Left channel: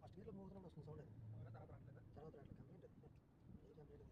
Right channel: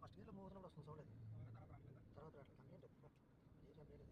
First ఇయర్లో move అవుతున్నప్పుడు వస్తుంది సౌండ్ అది తర్వాత రావట్లేదు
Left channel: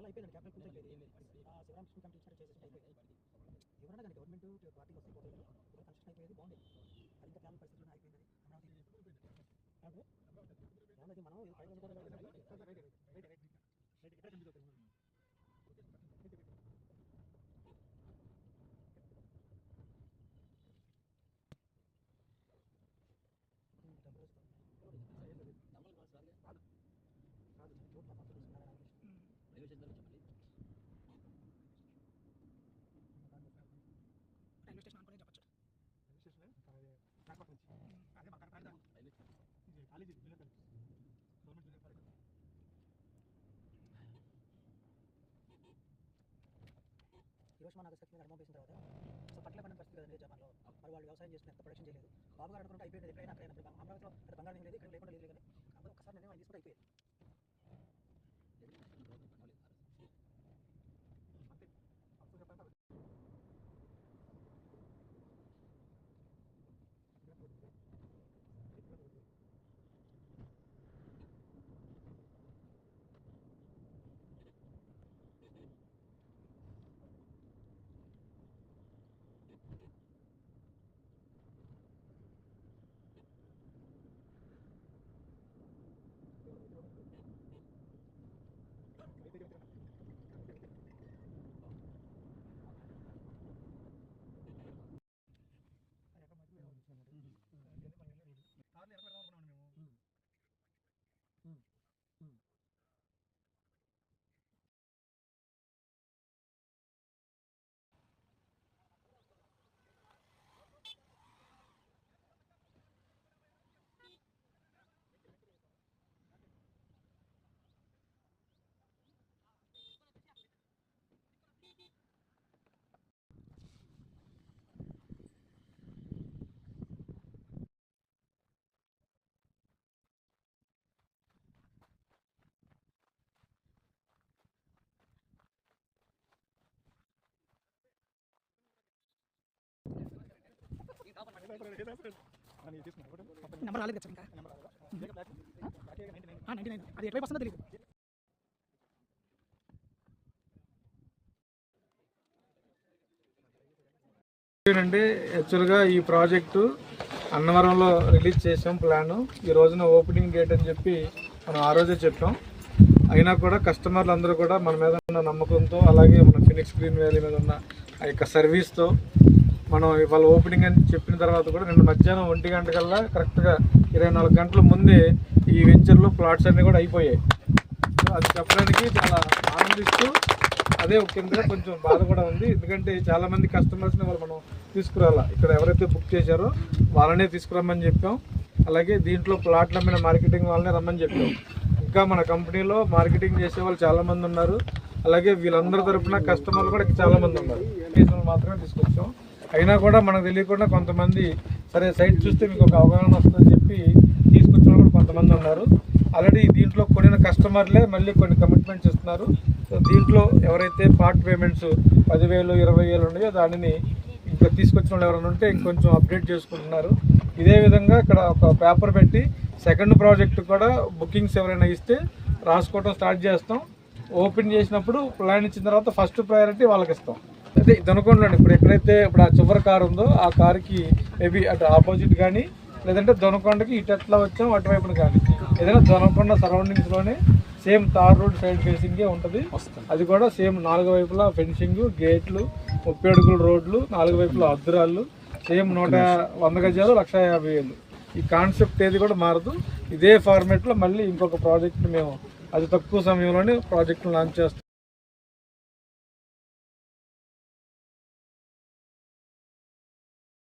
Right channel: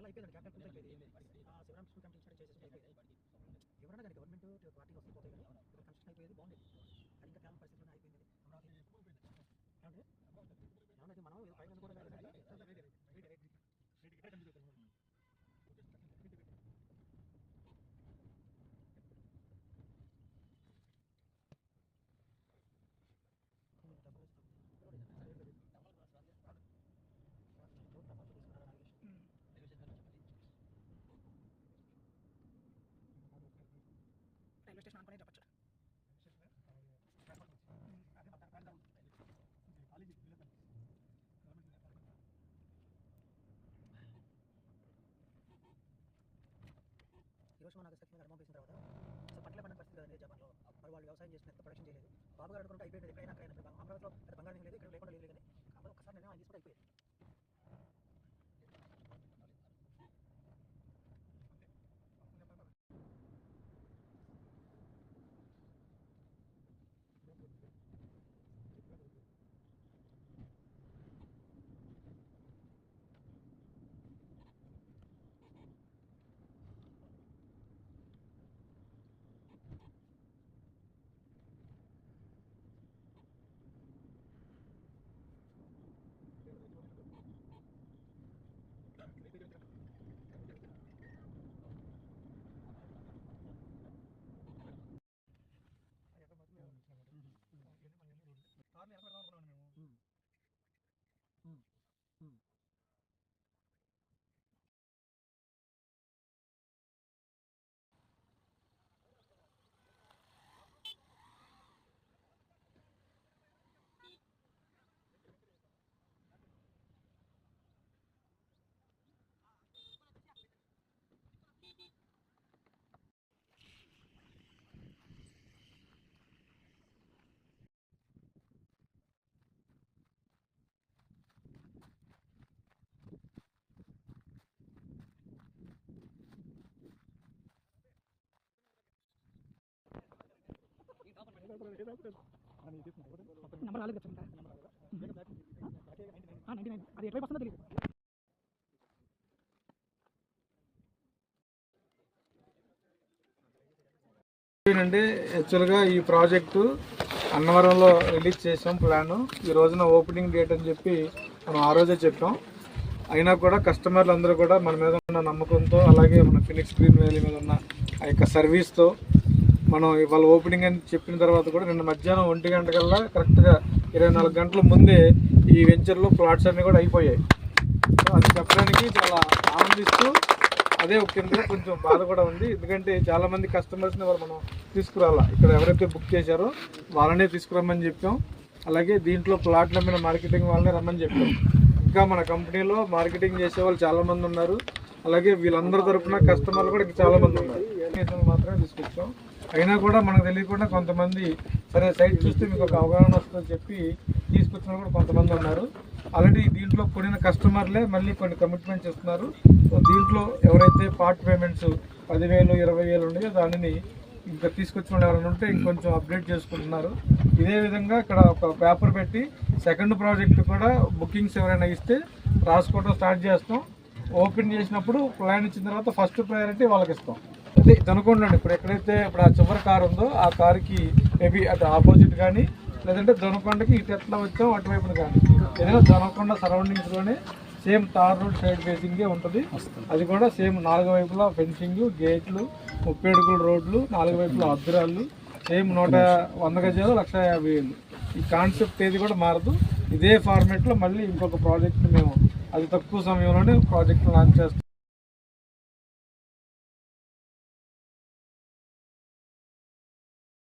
అయిపోయిందండి క్యాపిటల్ పూర్తి అయిపోయింది శివరాం స్కూల్ కంటే స్టార్ట్ చేసేసి అయిపోయింది ఎవరన్నా కానీ గవర్నమెంట్ పార్టీలు వస్తే పోతాయి కానీ ఇక్కడ కన్స్ట్రక్షన్ అయిపోయేది బాగుండేది అది ఇంకా క్యాపిటల్ పరిస్థితుల్లో అయిపోయింది ఏమన్నది మనం పైన కూడా రైల్వే స్టేషన్ అనుకునే చెప్పచ్చు ఈరోజు నాగస్కర్ మీద అనుభవం వేసిన తర్వాత అసలు పట్ల పడిన పరిస్థితి కదండి జపాన్లో మరి వాళ్ళు వ్యవసాయం చేసిన ఎంత ప్రొడక్షన్ చేయలేదు బాబు గారు అనుకుంటే అయిపోయింది ఎక్కడైనా అక్కడైనా అమరావతిలో అది బంగారం లేదు ఇక్కడ లేకుండా లేదు కానీ అందరూ ఒకసారి నిర్ణయం తీసుకుంటే అయిపోయింది నెంబర్ రాలేదు కదా ఇంకా 99 అది ఎటువైపు వస్తుందో తెలియదు అండి. యాక్చువల్గా ఈ ప్రాజెక్టు అన్నవరంలో రిలీజ్ చేసాం ప్లాను. ఈ రోజున ఓపెనింగ్ డేట్ అని చెప్పి మనం ఆ రోజే చెప్పాం. అయినా కూడా కస్టమర్లు అందరూ కూడా మన మీద ఉన్న నమ్మకంతో, అలాగే మన ఫినిక్స్ గ్రీన్ వ్యాలీ మీద ఉన్న ఆ యొక్క సర్వీస్తో మనం ఇవాళ ఓపెనింగ్ అని చెప్పిన తర్వాత కూడా నిన్న మధ్యాహ్నం 1 గంట కల్లా కరెక్ట్గా 24 గంటల ముందే ఈ వెంచర్లో ప్లాట్స్ అన్నీ కూడా అయిపోయాయి. అది చెప్పడానికి చాలా ఆనందిస్తూ, అదే కింద కొంచెం బాధ కూడా ఉంది. ఎందుకంటే చాలామంది కస్టమర్స్ని వాళ్ళు మనం తీసుకురాలా, ఇక్కడ ఎవరైతే బుక్ చేశారో వాళ్ళనే తీసుకురమ్మని చెప్పాం. అలాగే దీంట్లో ప్లాట్ల మీద మార్కెటింగ్ వాళ్ళనే రమ్మని చెప్పాం. ఇంకా మన కంపెనీలో మార్కెటింగ్ చేసే వాళ్ళు చాలామంది ఉన్నారు. అలాగే వీళ్ళందరి తరఫున కస్టమర్లు కూడా చాలామంది ఉన్నారు. మాత్రమే తీసుకొచ్చాం. అయినా కూడా మనకు తెలియకుండా కొంతమంది సరే సైట్ చూస్తే మీకు ఒక అవగాహన వస్తుందని చెప్పి తీసుకొచ్చిన కూడా కొంతమంది ఉన్నారు. ఆల్రెడీ దీంట్లో కొనిన కస్టమర్లే మళ్ళీ కొన్ని కమిట్మెంట్స్ ఇస్తున్నారు. సో దీంట్లో ఎవరైతే పార్ట్ పేమెంట్స్ 10,000, 20,000 ఉన్నాయో దానిని ఇంకా తీసుకొచ్చిన వాళ్ళు ఎవరైనా ఉంటే ఇంకొంచెం అప్డేట్ చేసుకుంటున్నారు. ఇదే విధంగా ఇక్కడ ఒక పేపర్ పెట్టి సెకండ్ ప్రాజెక్ట్ కూడా బుకింగ్స్ ఎవరైనా ఇస్తే రాసుకోవడం స్టార్ట్ చేస్తాం. ఓపెన్ చేసినప్పుడు ప్లాన్ ఇచ్చిన తర్వాత ఫస్ట్ ప్రయారిటీ వాళ్ళకి ఇస్తాం. అదే దొనకొండలో ఇప్పుడు ఎక్కడైతే ఇప్పుడు ఆ చివరి కారు ఉందో ఆ కారుకి మేబీ అటు ఆపోజిట్ కానీ లేదంటే దొనకొండకి ఇటు ఎట్లా వచ్చాం అటువైపున కానీ ఏదైనా దొనకొండ సరౌండింగ్స్లోనే సేమ్ తార్ రోడ్ సైడ్ ఫేసింగే ఉంటుంది. అది కూడా సేమ్ 4 వైపులా ఫెన్సింగ్, గేట్లు, 30 అడుగుల రోడ్లు, 4 వైపులా అద్దురాళ్ళు, సేమ్ 100 గజాలు 1,50,000. ఈ కాన్సెప్ట్ ఏది కూడా మారదు. ఇదే ఫార్మేట్లో మళ్ళీ ఇంకొక ప్రాజెక్ట్ని మేము అతి తక్కువ సమయంలోనే ప్రాజెక్టులు లాంచ్ చేస్తాం.